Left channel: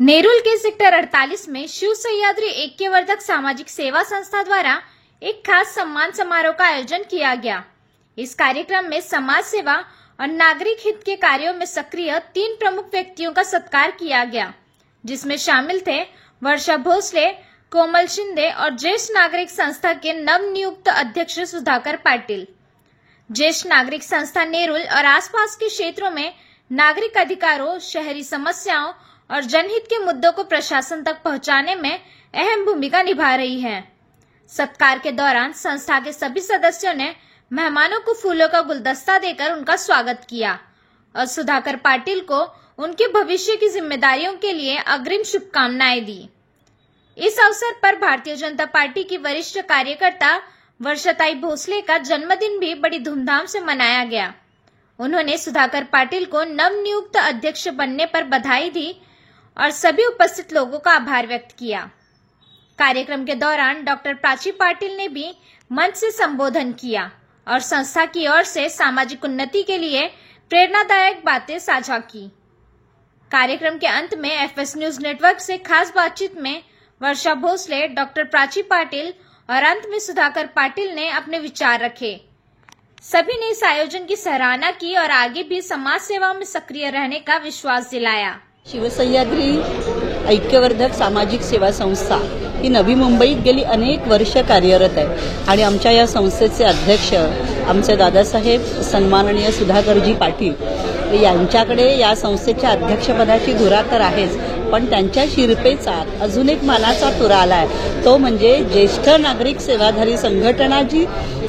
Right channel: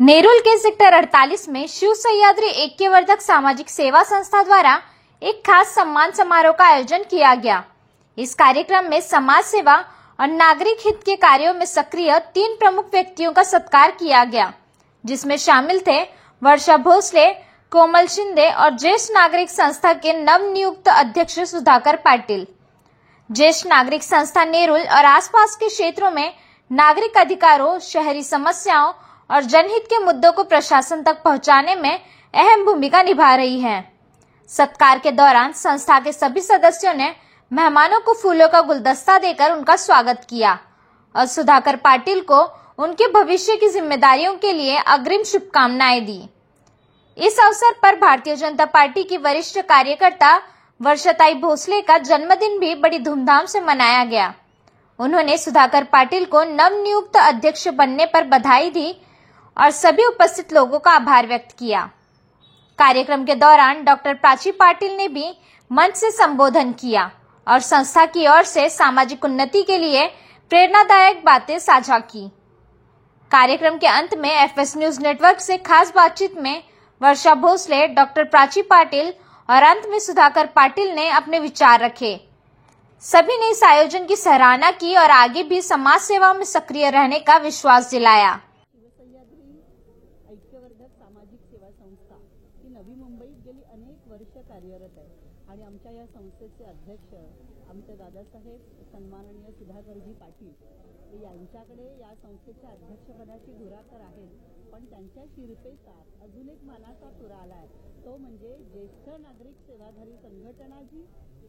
नेरुल के sector 48 में शिव सह्याद्री ऐक्यवर्धक सामाजिक सेवा संस्था द्वारा एक खास सम्मान समारोह का आयोजन किया गया। इस कार्यक्रम में समाज सेवा और नागरिक हित के कार्यों में सक्रिय 3 प्रमुख व्यक्तियों का सत्कार किया गया, जिसमें शामिल थे वर्षा भोसले, कोमल शिंदे और ज्येष्ठ नागरिक संस्था के नवनियुक्त अध्यक्ष सुधाकर पाटिल। ज्येष्ठ नागरिक संस्था नेरुल और आसपास के क्षेत्रों में नागरिक अधिकारों, शहरी समस्याओं और जनहित के मुद्दों को प्रशासन तक पहुंचाने में अहम भूमिका निभा रही है। सत्कार के दौरान संस्था के सभी सदस्यों ने मेहमानों को फूलों का गुलदस्ता देकर उनका स्वागत किया और सुधाकर पाटिल को उनके भविष्य की जिम्मेदारियों के लिए अग्रिम शुभकामनाएं दी। इस अवसर पर भारतीय जनता पार्टी की वरिष्ठ कार्यकर्ता वर्षाताई भोसले का जन्मदिन भी बड़ी धूमधाम से मनाया गया। उन्होंने सुधाकर पाटिल को नवनियुक्त अध्यक्ष बनने पर बधाई दी और सभी उपस्थित लोगों का आभार व्यक्त किया। कार्यक्रम के दौरान डॉक्टर प्राची पाटिल ने भी मंच से संबोधन किया और संस्था की ओर से सामाजिक उन्नति के लिए प्रेरणादायक बातें साझा की। कार्यक्रम के अंत में एफएस न्यूज नेटवर्क से खास बातचीत में वर्षा भोसले, डॉक्टर प्राची पाटिल और अंत में सुधाकर पाटिल ने अपने विचार रखे। सभी ने इस आयोजन की सराहना की और आगे भी समाज सेवा में सक्रिय रहने का विश्वास दिलाया। शिव सह्याद्री ऐक्यवर्धक सामाजिक सेवा संस्था ही नवी मुंबईत गेली अनेक वर्ष कार्यरत आहे आणि आमच्या या संस्थेचे अध्यक्ष आमचे दादासाहेब सन्माननीय सुधाकरजी पाटील यांच्याकडे या संस्थेच्या अध्यक्षपदाची धुरा तर आहेच, पण त्यांच्या शिरपेचात अजून एक मानाचा तुरा आलाय, तो म्हणजे ज्येष्ठ नागरिक सेवाधारी संघटना जी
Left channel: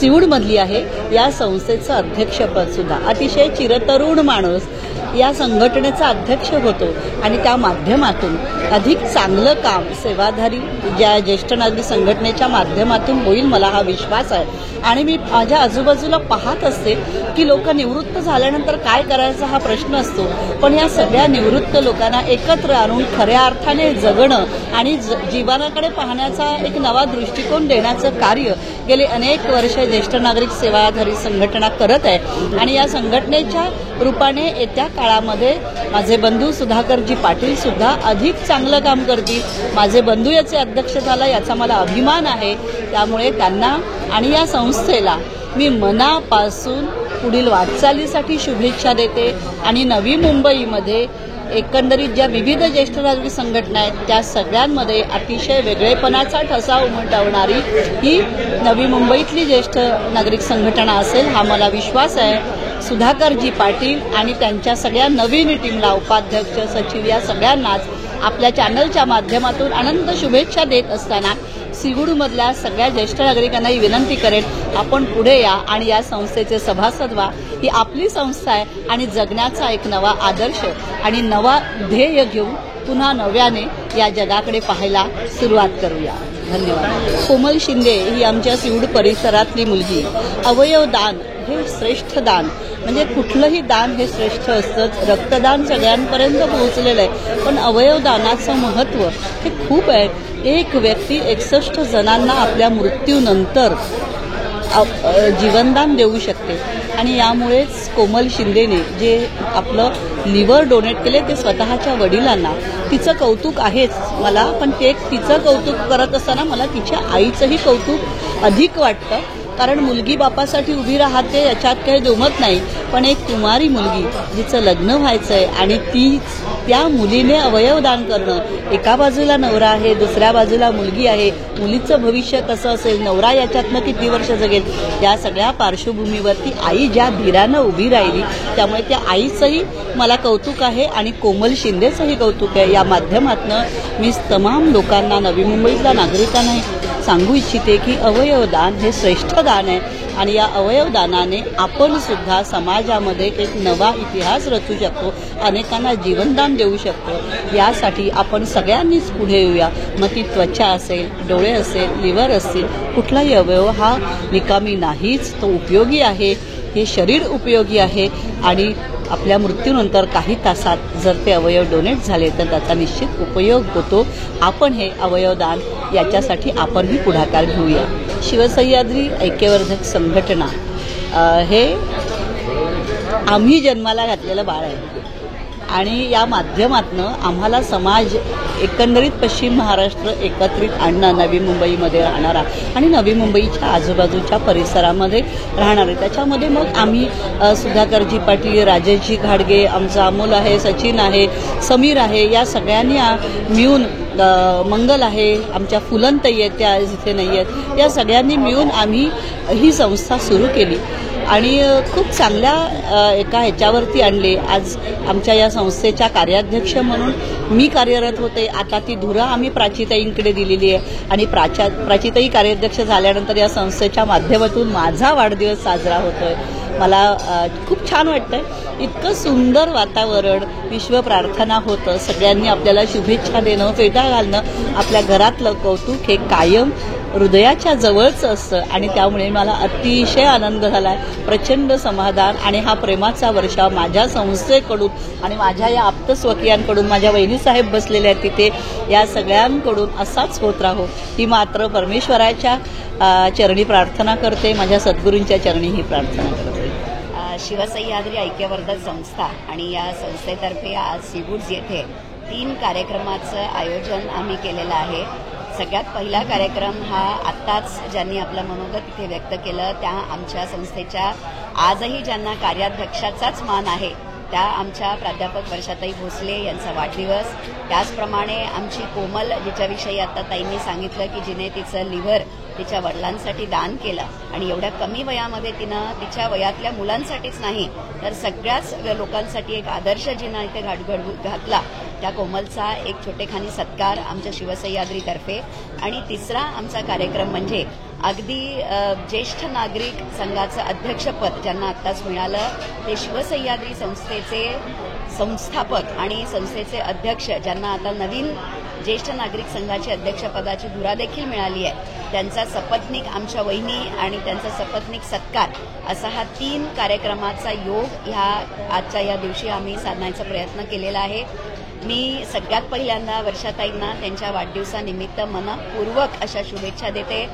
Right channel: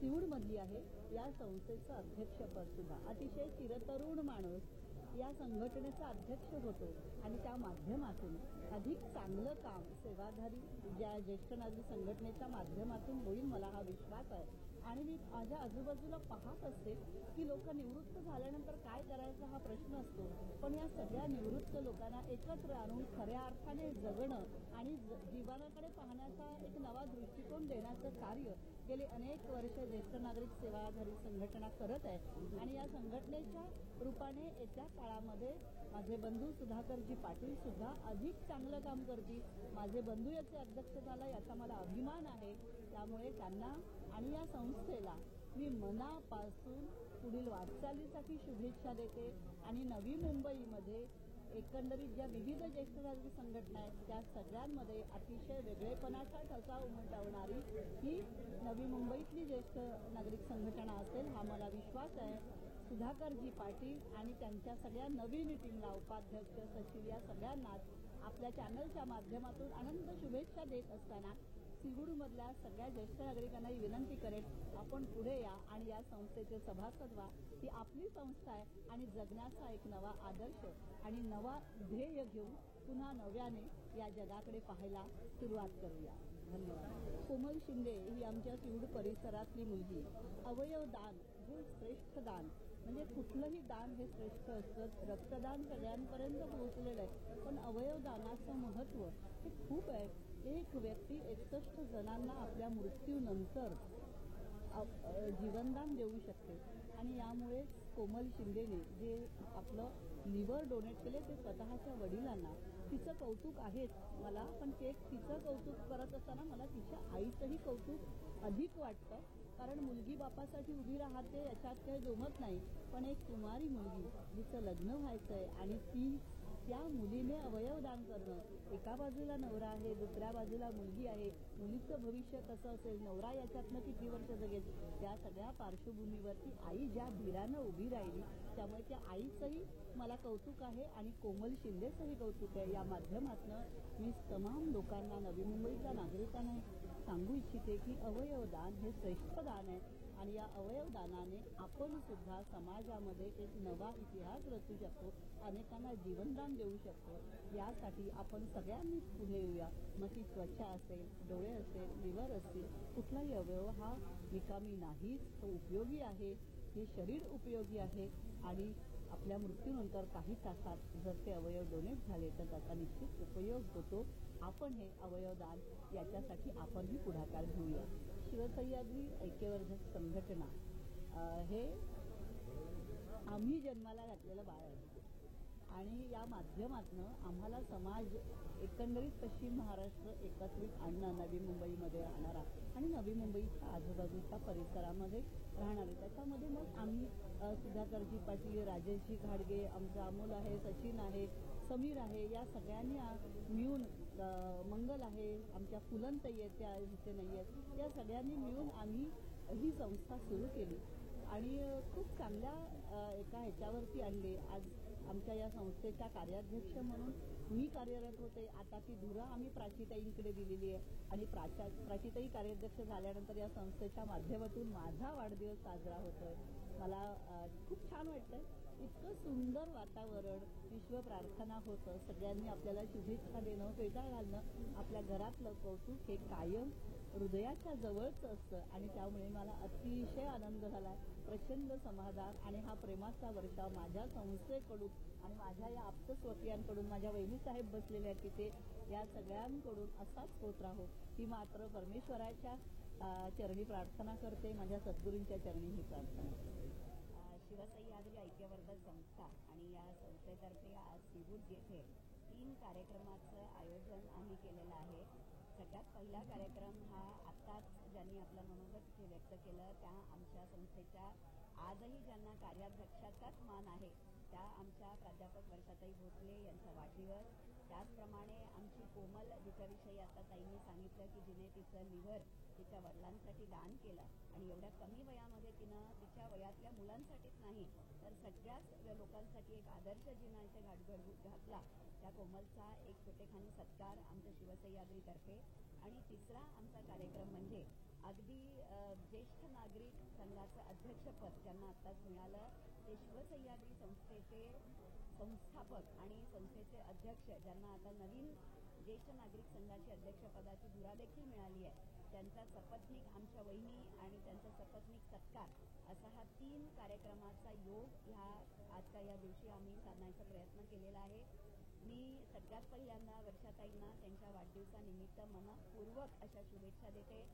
सिऊडमधली आहे या संस्थेचं अध्यक्षपद सुद्धा अतिशय चिरतरुण माणूस या संघटनेचा अध्यक्ष होतो आणि त्या माध्यमातून अधिक चांगलं काम सेवाधारी ज्या ज्येष्ठ नागरिक संघटनेच्या माध्यमातून होईल, मला हा विश्वास आहे। आणि मी माझ्या आजूबाजूला पाहत असते की लोक निवृत्त झाल्यानंतर काय करायचा हा प्रश्न असतो, पण या सगळ्या निवृत्त लोकांना एकत्र आणून खऱ्या अर्थाने जगणं आणि जीवनाकडे पाहण्याचा एक नवा दृष्टिकोन देण्याचं कार्य गेले अनेक वर्ष ज्येष्ठ नागरिक सेवाधारी संघटना करत आहे। आणि या संघटनेच्या रूपाने येत्या काळामध्ये माझे बंधू सुधाकरजी पाटील सुद्धा अधिक चांगलं काम करतील। माझे बंधू याचे अध्यक्ष झाला याचा मला अभिमान आहे। त्यामुळे त्यांना आणि या संस्थेला मी मनापासून पुढील वाटचालीसाठी शुभेच्छा देते आणि नवी मुंबईमध्ये एकंदरीत ज्या विविध ज्येष्ठ नागरिक संघटना आहेत त्या सगळ्यांमध्ये अतिशय वेगळेपणाचा ठसा उमटवणारी ही नवी मुंबईतली ज्येष्ठ नागरिक संघटना असेल, हा मला विश्वास आहे। सुधाकरजी पाटील आणि त्यांच्या सगळ्या नवीन टीमला, उपाध्यक्ष, सचिव या सगळ्यांनाच आपल्या चॅनलच्या माध्यमातून अनंत शुभेच्छा देत असताना सिऊडमधल्या सगळ्या ज्येष्ठ नागरिकांनाही विनंती करेन, आपण पुढे या आणि या संस्थेचे सभासद व्हा। ही आपली संस्था आहे आणि जगण्याचा एक नवा आदर्श आणि नवा ध्येय घेऊन पुन्हा नव्याने या जगाकडे पाहायला सुरुवात करूया। धन्यवाद। कोमल शिंदे ही आमच्या सिऊड परिसरातली मुलगी। अवयव दान हे श्रेष्ठ दान, म्हणजे कुठलंही दान हे श्रेष्ठ असतंच। रक्तदान सगळ्यांपर्यंत पोहोचलेलं आहे, पण अवयव दानाचं महत्त्व हे खूप आहे। एक व्यक्ती 61 जणांना आपल्या मृत्यूनंतर जीवनदान देऊ शकते आणि यामुळेच कोमल शिंदेने जे आपलं लिव्हर डोनेट केले ते स्वतःच्या वडिलांना, तिचं कौतुक आहेच मला, पण ते तिचं कौतुक करत असताना मला तिच्या आईचंही कौतुक अधिक वाटतं, कारण मुलगी बापासाठी उभी राहते याच्यात काही दुमत नाही, पण एक कुमारी मुलगी जिचं लग्न व्हायचंय आणि त्या मुलीने अवयवदान करणं, एका बाजूला नवरा आहे, दुसऱ्या बाजूला मुलगी आहे, मुलीचं भविष्य कसं असेल, नवरा याच्यातनं किती वर्ष जगेल, या सगळ्या पार्श्वभूमीवरती आई ज्या धीरानं उभी राहिली, त्यामुळे त्या आईचंही मला कौतुक आहे आणि कोमल शिंदेचंही कौतुक आहे। या माध्यमातून मी तमाम लोकांना, नवी मुंबईतल्या नागरिकांना सांगू इच्छिते की अवयवदान हे श्रेष्ठ दान आहे आणि या अवयवदानाने आपण सुद्धा समाजामध्ये एक नवा इतिहास रचू शकतो, अनेकांना जीवनदान देऊ शकतो। यासाठी आपण सगळ्यांनीच पुढे येऊया। मग ती त्वचा असेल, डोळे असेल, लिव्हर असतील, कुठलाही अवयव हा निकामी नाहीच, तो उपयोगी आहे, हे शरीर उपयोगी आहे आणि आपल्या मृत्यूनंतर काही तासात जर ते अवयव डोनेट झाले तर त्याचा निश्चित उपयोग होतो। आपण हे अवयवदान याच्यासाठी आपणही पुढाकार घेऊया। शिवसह्याद्री ऐक्यवर्धक संघटना हे आम्ही जन्माला घातलेलं बाळ आहे आणि या माध्यमातनं आम्हाला समाज एकंदरीत पश्चिम महाराष्ट्र एकत्रित आणणं, नवी मुंबईमध्ये राहणारा आणि नवी मुंबईच्या आजूबाजूच्या परिसरामध्ये राहणारे, त्याच्यामध्ये मग आम्ही सुधाकरजी पाटील, राजेशजी घाडगे, आमचा अमोल आहे, सचिन आहे, समीर आहे, या सगळ्यांनी मिळून, मंगल आहे, आमच्या फुलनताई आहेत, त्या इथे नाही आहेत, या सगळ्यांनी मिळून आम्ही ही संस्था सुरू केली आणि खूप चांगल्या एका ह्याच्यावरती आणले. आज आमच्या या संस्थेच्या कार्याध्यक्ष म्हणून मी कार्यरत होते. आता ती धुरा आम्ही प्राचीताईंकडे दिलेली आहे आणि प्राचीताई कार्याध्यक्ष झाल्यानंतर या संस्थेच्या माध्यमातून माझा वाढदिवस साजरा होतोय. मला खूप छान वाटतंय. इतकं सुंदर वातावरण, विश्व प्रार्थना होतं, सगळ्यांनी आपल्याला शुभेच्छा देणं, फेटा घालणं, आपल्या घरातलं कौतुक हे कायम हृदयाच्या जवळचं असतं आणि त्यामुळे मला अतिशय आनंद झाला, प्रचंड समाधान. आणि हा प्रेमाचा वर्षाव माझ्या संस्थेकडून आणि माझ्या या आप्तस्वकीयांकडून, माझ्या वहिनीसाहेब बसलेल्या आहेत तिथे, या सगळ्यांकडून असाच होत राहो ही मात्र परमेश्वराच्या चरणी प्रार्थना करते, माझ्या सद्गुरूंच्या चरणी ही प्रार्थना करते. शिवसह्याद्री ऐक्यवर्धक संस्था आणि या संस्थेतर्फे आज सीवूड्स येथे 3 कार्यक्रमाचं आयोजन आम्ही केलेलं आहे. सगळ्यात पहिला कार्यक्रम हा आत्ताच ज्यांनी आपलं मनोगत इथे व्यक्त केलं त्या आमच्या संस्थेच्या आजही ज्यांना कार्याध्यक्षाचाच मान आहे त्या आमच्या प्राध्यापक वर्षाताई भोसले यांचा वाढदिवस. त्याचप्रमाणे आमची कोमल, जिच्याविषयी आता ताईंनी सांगितलं की जिने तिचं लिव्हर तिच्या वडिलांसाठी दान केलं आणि एवढ्या कमी वयामध्ये तिनं तिच्या वयातल्या मुलांसाठीच नाही तर सगळ्याच लोकांसाठी एक आदर्श जिनं इथे घातला, त्या कोमलचा एक छोटेखानी सत्कार आमच्या शिवसह्याद्रीतर्फे. आणि तिसरा आमचा कार्यक्रम म्हणजे अगदी ज्येष्ठ नागरिक संघाचं अध्यक्षपद ज्यांना आत्ताच मिळालं, ते शिवसह्याद्री संस्थेचे संस्थापक आणि संस्थेचे अध्यक्ष ज्यांना आता नवीन ज्येष्ठ नागरिक संघाची अध्यक्षपदाची धुरा देखील मिळाली आहे, त्यांचा सपत्नीक आमच्या वहिनी आणि त्यांचा सपत्नीक सत्कार असा हा 3 कार्यक्रमाचा योग ह्या आजच्या या दिवशी आम्ही साधण्याचा प्रयत्न केलेला आहे. मी सगळ्यात पहिल्यांदा वर्षाताईंना त्यांच्या वाढदिवसानिमित्त मनपूर्वक अशा शुभेच्छा देते.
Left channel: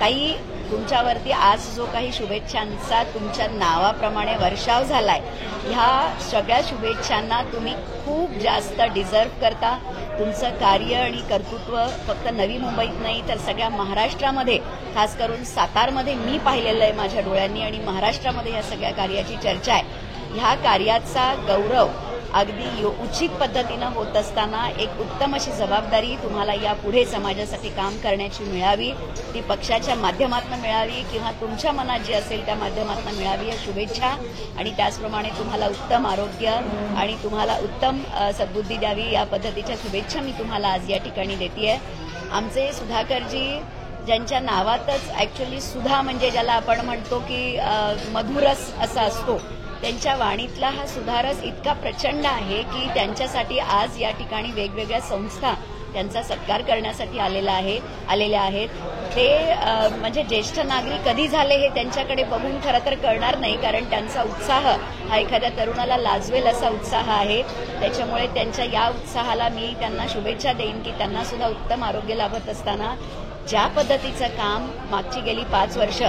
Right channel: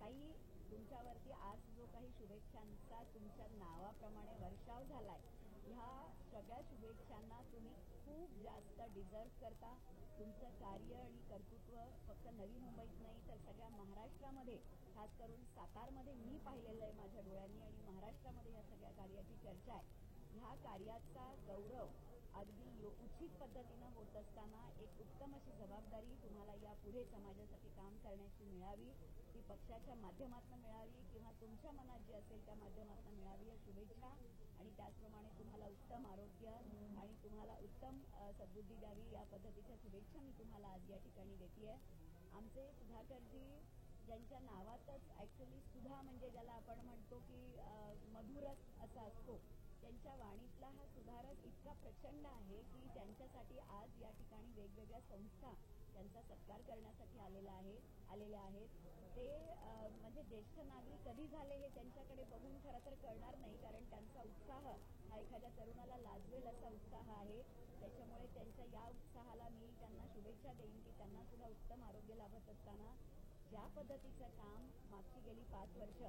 ताई, तुमच्यावरती आज जो काही शुभेच्छांचा तुमच्या नावाप्रमाणे वर्षाव झालाय, ह्या सगळ्या शुभेच्छांना तुम्ही खूप जास्त डिझर्व करता. तुमचं कार्य आणि कर्तृत्व फक्त नवी मुंबईत नाही तर सगळ्या महाराष्ट्रामध्ये, खास करून सातारमध्ये मी पाहिलेलं आहे माझ्या डोळ्यांनी आणि महाराष्ट्रामध्ये या सगळ्या कार्याची चर्चा आहे. ह्या कार्याचा गौरव अगदी उचित पद्धतीनं होत असताना एक उत्तम अशी जबाबदारी तुम्हाला यापुढे समाजासाठी काम करण्याची मिळावी, ती पक्षाच्या माध्यमातून मिळावी किंवा तुमच्या मनात जे असेल त्या माध्यमातून मिळावी या शुभेच्छा. आणि त्याचप्रमाणे तुम्हाला उत्तम आरोग्य आणि तुम्हाला उत्तम सद्बुद्धी द्यावी या पद्धतीच्या शुभेच्छा मी तुम्हाला आज या ठिकाणी देतेय. आमचे सुधाकरजी, ज्यांच्या नावातच ॲक्च्युली सुधा म्हणजे ज्याला आपण म्हणतो की मधुरस असा असतो, त्यांच्या वाणीतला हा सुधारस इतका प्रचंड आहे की त्यांच्यासाठी आज या ठिकाणी वेगवेगळ्या संस्था त्यांचा सत्कार करण्यासाठी आलेल्या आहेत. ते म्हणजे ज्येष्ठ नागरिक कधी झाले हे त्यांच्याकडे बघून खरं तर कळणार नाही, कारण त्यांचा उत्साह हा एखाद्या तरुणाला लाजवेल असा उत्साह आहे. त्याच्यामुळे त्यांच्या या उत्साहाला मी त्यांना शुभेच्छा देईन की त्यांना सुद्धा उत्तम आरोग्य लाभत असताना ज्या पद्धतीचं काम मागची गेली 5 वर्ष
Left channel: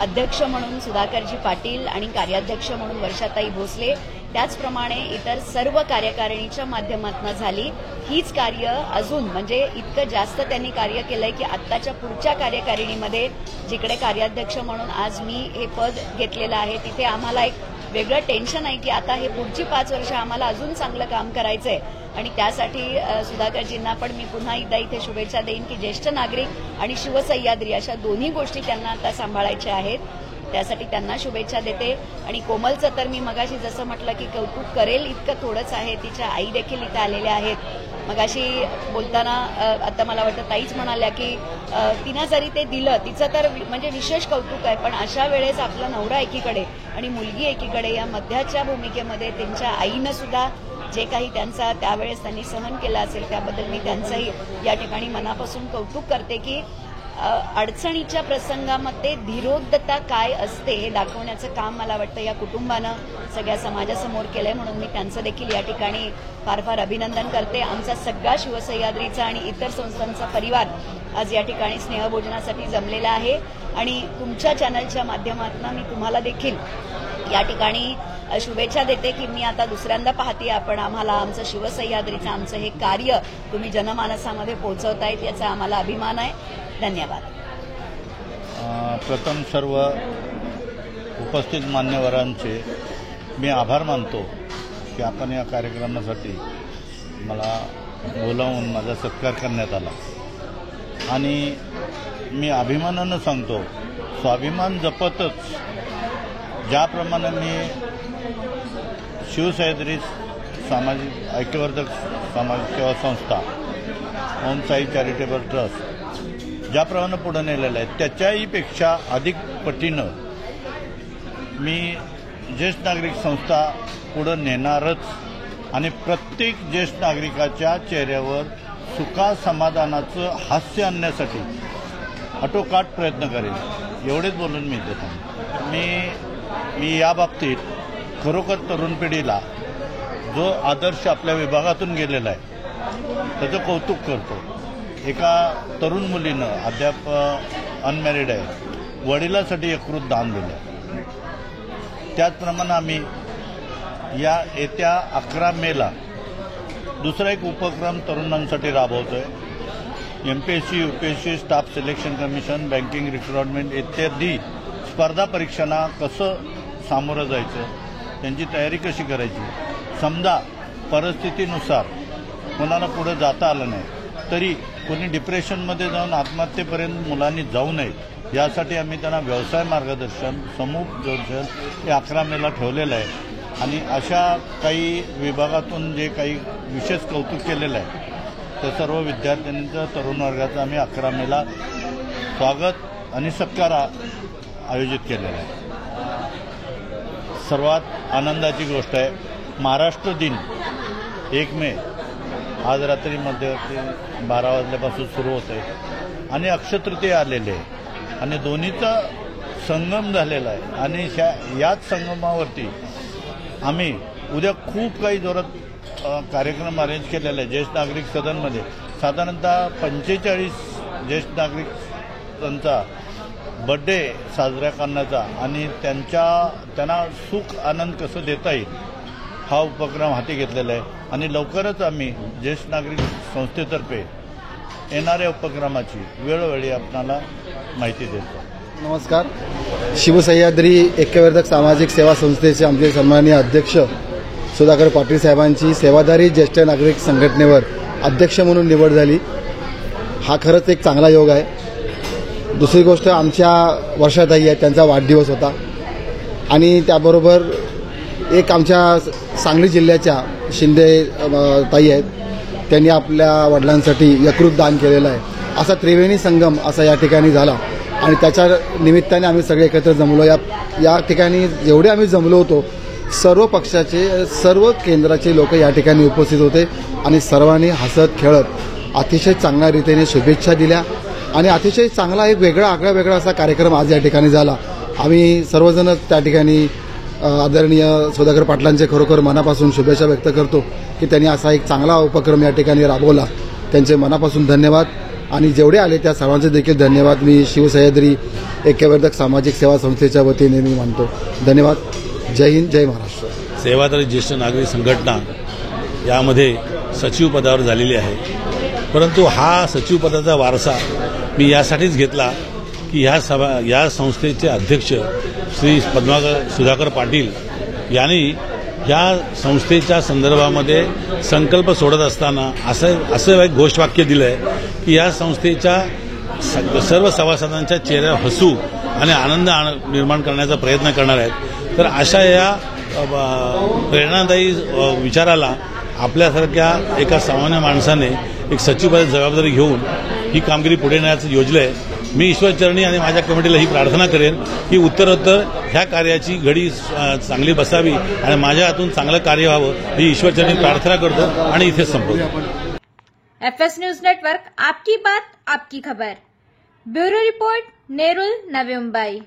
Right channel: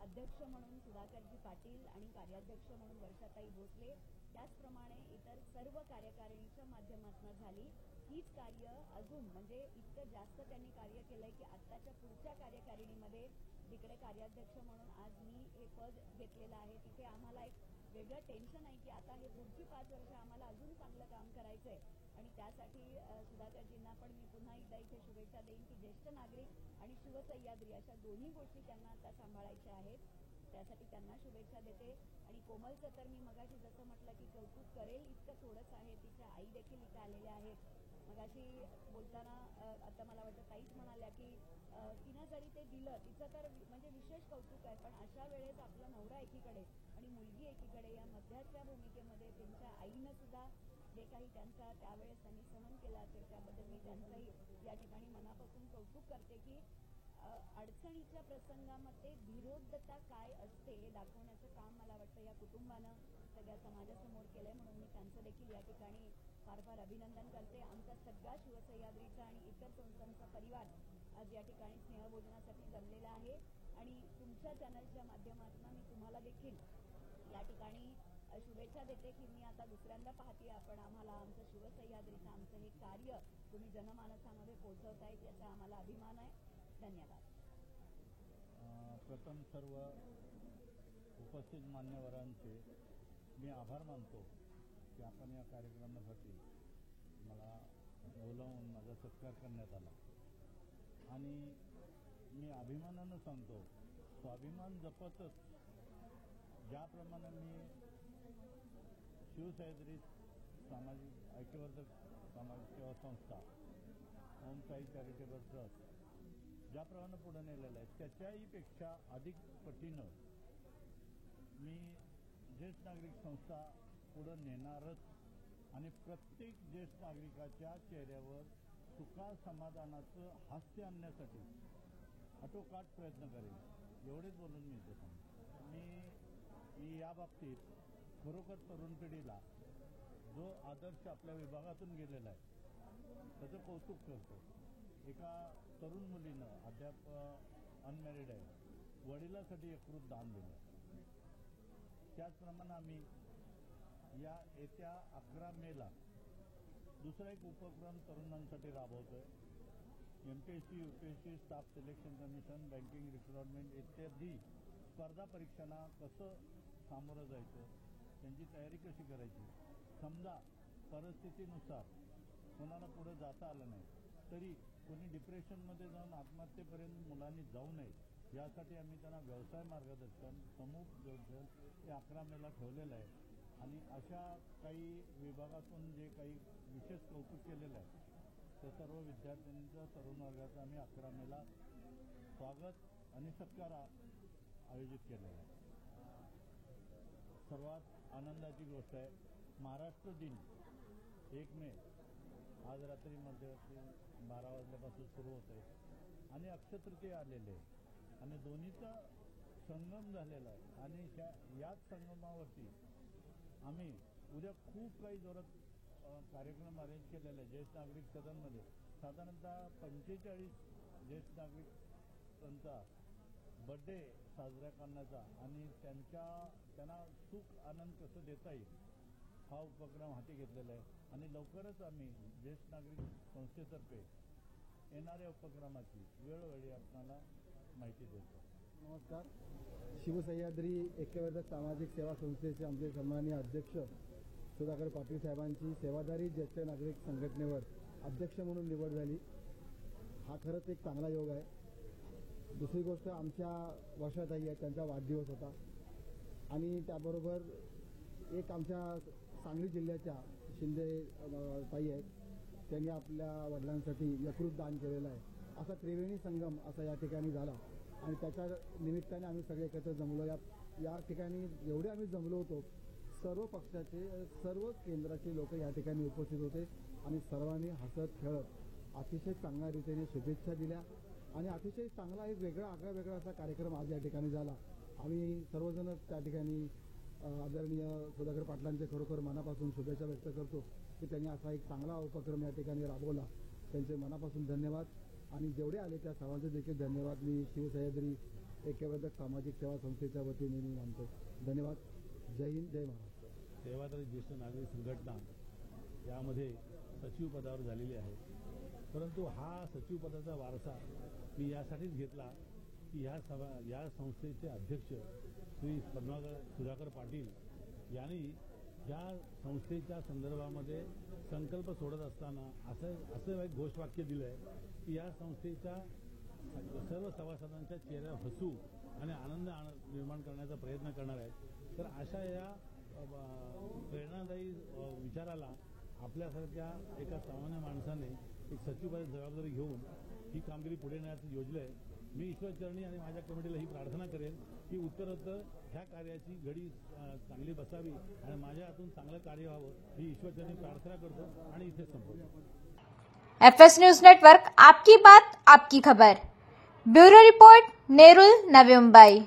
अध्यक्ष म्हणून सुधाकरजी पाटील आणि कार्याध्यक्ष म्हणून वर्षाताई भोसले, त्याचप्रमाणे इतर सर्व कार्यकारिणीच्या माध्यमातून झाली, हीच कार्य अजून म्हणजे इतकं जास्त त्यांनी कार्य केलंय की आत्ताच्या पुढच्या कार्यकारिणीमध्ये जिकडे कार्याध्यक्ष म्हणून आज मी हे पद घेतलेलं आहे तिथे आम्हाला एक वेगळं टेन्शन आहे की आता हे पुढची 5 वर्ष आम्हाला अजून चांगलं काम करायचंय. आणि त्यासाठी सुधाकरजींना पण मी पुन्हा एकदा इथे शुभेच्छा देईन की ज्येष्ठ नागरिक आणि शिवसह्याद्री अशा दोन्ही गोष्टी त्यांना आता सांभाळायच्या आहेत, त्यासाठी त्यांना शुभेच्छा देते. आणि कोमलचं तर मी मगाशी जसं म्हटलं की कौतुक करेल इतकं थोडंच आहे. तिच्या आई देखील इथे आलेल्या आहेत. मगाशी बोलताना आता मला वाटतं ताईच म्हणाल्या की तिनं जरी ते दिलं तिचं तर म्हणजे विशेष कौतुक आहे, पण अशा वेळेस आपला नवरा एकीकडे आणि मुलगी एकीकडे या मध्याच्या भूमिकेमध्ये त्यांच्या आईनं सुद्धा जे काही त्यांचा त्यावेळेस त्यांनी सहन केलं असेल त्याबद्दल मी त्यांचंही या ठिकाणी मनापासून कौतुक करते की अडचणीच्या प्रसंगामध्ये धीरोद्धता काय असते हे दाखवण्याचं काम मला वाटतं या कुटुंबानं सगळ्या समाजासमोर केलंय, म्हणून मी त्यांचं देखील या ठिकाणी फार फार अभिनंदन करते. आमचा सगळा शिवसह्याद्रीचा आणि इतर संस्थांचा परिवार आज या ठिकाणी स्नेहभोजनासाठी जमलेला आहे आणि तुमच्या चॅनलच्या माध्यमातून मी तुम्हाला देखील या ठिकाणी शुभेच्छा देते की मी आता दुसऱ्यांदा पाहते आपण आम्हाला आमचं शिवसह्याद्रीचं आमचं हे कार्य तुम्ही जनमानसामध्ये पोहोचवतायत याचा आम्हाला अभिमान आहे. धन्यवाद. प्रथम सर्व उपस्थित मान्यवरांचे मी आभार मानतो की आपण या कार्यक्रमासाठी मला बोलावून माझा सत्कार करण्यात आला. आणि मी अभिमानानं सांगतो, स्वाभिमान जपतच ज्याप्रमाणे मी शिवसह्याद्री सामाजिक ऐक्यवर्धक समाज सेवा संस्था ओम साई चॅरिटेबल ट्रस्ट ज्याप्रमाणे पुढे नेलेलं आहे त्याच्याही पेक्षा अधिक पटीनं मी ज्येष्ठ नागरिक संस्था पुढे नेणारच आणि प्रत्येक ज्येष्ठ नागरिकाच्या चेहऱ्यावर सुखा समाधानाचं हास्य आणण्यासाठी आटोकाट प्रयत्न करेन. एवढेच बोलून मी इथे थांबतो. मी या बाबतीत खरोखर तरुण पिढीला जो आदर्श आपल्या विभागातून गेलेला आहे त्याचं कौतुक करतो. एका तरुण मुलीनं अद्याप अनमॅरिड आहे, वडिलांसाठी यकृत दान दिलं. त्याचप्रमाणे आम्ही या येत्या 11 मेला दुसरा एक उपक्रम तरुणांसाठी राबवतोय. MPSC, UPSC, staff selection commission, banking recruitment इत्यादी स्पर्धा परीक्षांना कसं सामोरं जायचं, त्यांची तयारी कशी करायची. समजा परिस्थितीनुसार कोणाला पुढे जाता आलं नाही तरी कोणी डिप्रेशनमध्ये जाऊन आत्महत्येपर्यंत मुलांनी जाऊ नये यासाठी आम्ही त्यांना व्यवसाय मार्गदर्शन, समूपदर्शन हे 11 मेला ठेवलेलं आहे. आणि अशा काही विभागातून जे काही विशेष कौतुक केलेलं आहे त्या सर्व विद्यार्थ्यांचं, तरुण वर्गाचं आम्ही 11 मेला स्वागत आणि सत्कार आयोजित केलेला आहे. सर्वात आनंदाची गोष्ट आहे, महाराष्ट्र दिन 1 मे आज रात्री मध्यरात्री 12 वाजल्यापासून सुरू होते आणि अक्षयतृतीया आलेले आहे आणि दोन्हीचा संगम झालेला आहे. आणि याच संगमावरती आम्ही उद्या खूप काही जोरात कार्यक्रम अरेंज केलेला आहे. ज्येष्ठ नागरिक सदनमध्ये साधारणतः 45 ज्येष्ठ नागरिकांचा बर्थडे साजरा करण्याचा आणि त्यांना सुख आनंद कसं देता येईल हा उपक्रम हाती घेतलेला आहे. आणि लवकरच आम्ही ज्येष्ठ नागरिक संस्थेतर्फे येणाऱ्या उपक्रमाची वेळोवेळी आपणाला माहिती देतो. नमस्कार. शिवसह्याद्री ऐक्यवर्धक सामाजिक सेवा संस्थेचे आमचे सन्माननीय अध्यक्ष सुधाकर पाटील साहेबांची सेवाधारी ज्येष्ठ नागरिक संघटनेवर अध्यक्ष म्हणून निवड झाली. हा खरंच एक चांगला योग आहे. दुसरी गोष्ट, आमच्या वर्षाताई आहेत, त्यांचा वाढदिवस होता आणि त्याबरोबर एक आमच्या सांगली जिल्ह्याच्या शिंदे ताई आहेत, त्यांनी आपल्या वडिलांसाठी यकृत दान केलेलं आहे. असा त्रिवेणी संगम असा या ठिकाणी झाला आणि त्याच्या निमित्ताने आम्ही सगळे एकत्र जमलो. या ठिकाणी जेवढे आम्ही जमलो होतो सर्व पक्षाचे, सर्व केंद्राचे लोक या ठिकाणी उपस्थित होते आणि सर्वांनी हसत खेळत अतिशय चांगल्या रीतीने शुभेच्छा दिल्या आणि अतिशय चांगला एक आगळा असा कार्यक्रम आज या ठिकाणी झाला. आम्ही सर्वजण त्या ठिकाणी आदरणीय सुधाकर पाटलांचे खरोखर मनापासून शुभेच्छा व्यक्त करतो की त्यांनी असा एक चांगला उपक्रम या ठिकाणी राबवला. त्यांचे मनापासून धन्यवाद आणि जेवढे आले त्या सर्वांचे देखील धन्यवाद मी शिवसह्याद्री ऐक्यवर्धक सामाजिक सेवा संस्थेच्या वतीने मी मानतो. धन्यवाद. जय हिंद, जय महाराष्ट्र. सेवाधारी ज्येष्ठ नागरिक संघटना यामध्ये सचिव पदावर झालेली आहे, परंतु हा सचिव पदाचा वारसा मी यासाठीच घेतला की या संस्थेचे अध्यक्ष श्री सुधाकर पाटील यांनी या संस्थेच्या संदर्भामध्ये संकल्प सोडत असताना असं एक घोषवाक्य दिलं आहे की या संस्थेच्या सर्व सभासदांच्या चेहऱ्यावर हसू आणि आनंद निर्माण करण्याचा प्रयत्न करणार आहेत. तर अशा या प्रेरणादायी विचाराला आपल्यासारख्या एका सामान्य माणसाने एक सचिवपदाची जबाबदारी घेऊन ही कामगिरी पुढे नेण्याचं योजलं आहे. मी ईश्वरचरणी आणि माझ्या कमिटीला ही प्रार्थना करेन की उत्तरोत्तर ह्या कार्याची घडी चांगली बसावी आणि माझ्या हातून चांगलं कार्य व्हावं ही ईश्वरचरणी प्रार्थना करतो आणि इथेच संपवतो. FS न्यूज नेटवर्क, आपकी बात आपकी खबर. Bureau report, Nerul, Navi Mumbai.